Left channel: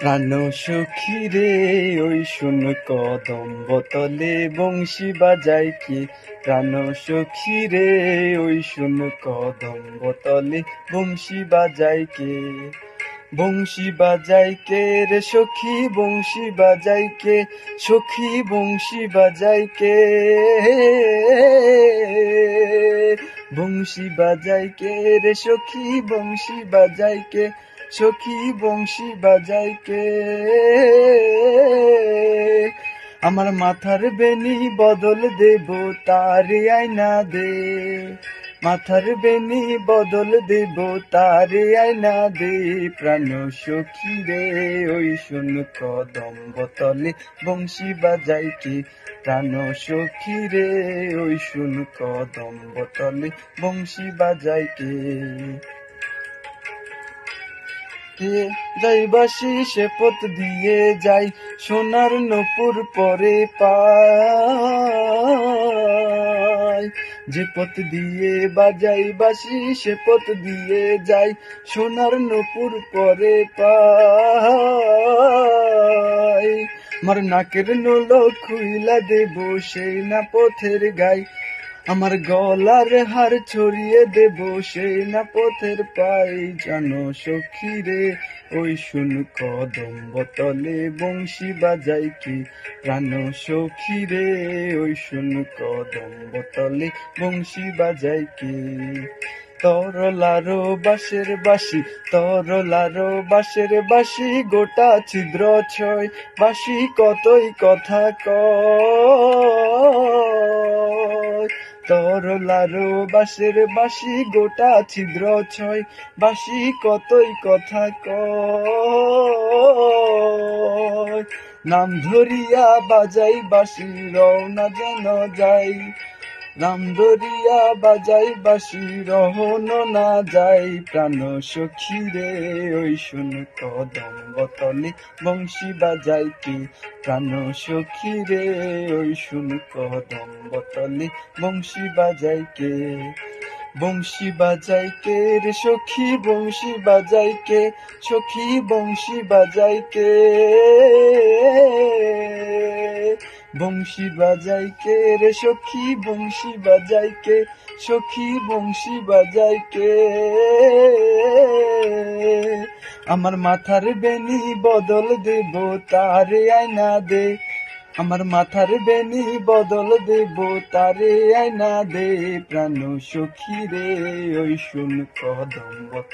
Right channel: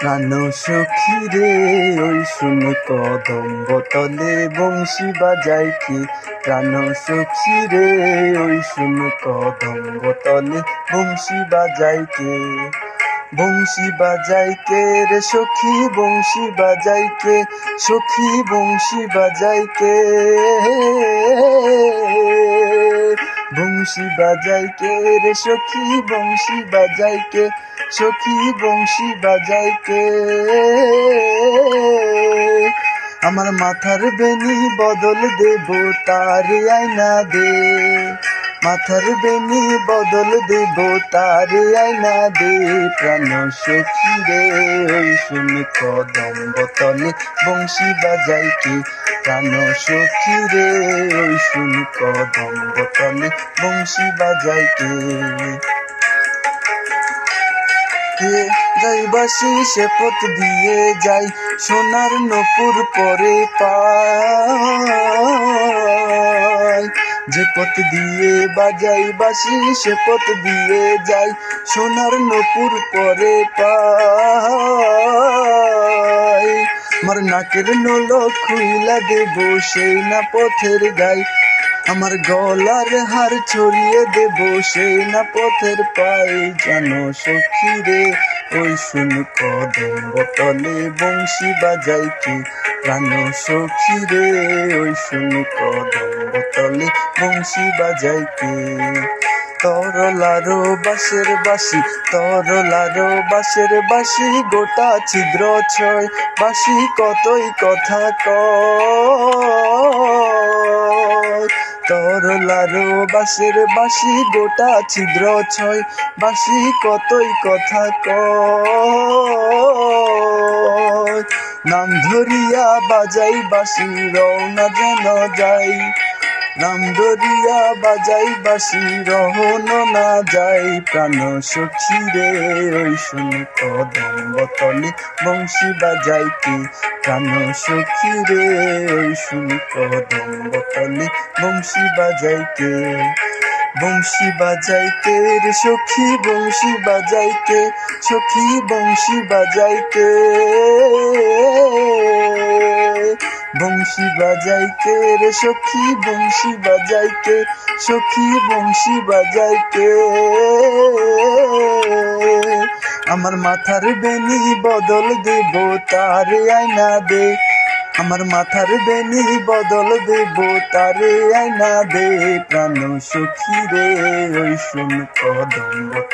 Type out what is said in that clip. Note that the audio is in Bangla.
প্রাণ সখী রে ওই শুন কদম্ব তলে বংশী বাজায় কে। প্রাণ সখী রে ওই শুন কদম্ব তলে বংশী বাজায় কে। বংশী বাজায় কে রে সখী বংশী বাজায় কে, সখী বংশী বাজায় কে। বংশী বাজায় কে রে সখী বংশী বাজায় কে, সখী বংশী বাজায় কে। আমার মাথার বেনি বদল দেব তারে আয়না দে। মাথার বেনি বদল দেব তারে আয়না দে। প্রাণ সখী রে ওই শুন কদম্ব তলে বংশী বাজায় কে। প্রাণ সখী রে ওই শুন কদম্ব তলে বংশী বাজায় কে। যাই বাসি সে পথ দিয়ে যাই, সোনার নূপুর পরে পাই। যে পথ দিয়ে বাজাই বাসি সে পথ দিয়ে যাই, সোনার নূপুর পরে পাই। আমার নাকের নলক খুইলা দেব সেই না পথের গাই, আমার গলার হার ছড়িয়ে দেব সেই না পথের পাই। জানো সখী রে ওই শুন কদম্ব তলে বংশী বাজায় কে। প্রাণ সখী রে ওই শুন কদম্ব তলে বংশী বাজায় কে। তরলারো বাঁশের বাঁশি, তরলারো বাঁশের বাঁশি, গোটা ছিদ্র ছয় বাঁশি কতই কথা কয়। তরলারো বাঁশের বাঁশি, গোটা ছিদ্র ছয় বাঁশি কতই কথা কয়। নাম ধরিয়া বাজাই বাঁশি রওনা যেন যাই, নাম ধরিয়া বাজাই বাঁশি রহন না যাই। প্রাণ সখী রে ওই শুন কদম্ব তলে বংশী বাজায় কে। প্রাণ সখী রে ওই শুন কদম্ব তলে বংশী বাজায় কে। বংশী বাজায় কে রে সখী বংশী বাজায় কে, সখী বংশী বাজায় কে। বংশী বাজায় কে রে সখী বংশী বাজায় কে, সখী বংশী বাজায় কে। আমার মাথার বেনি বদল দেব তারে আয়না দে। আমার মাথার বেনি বদল দেব তারে আয়না দে। প্রাণ সখী রে ওই শুন কদম্ব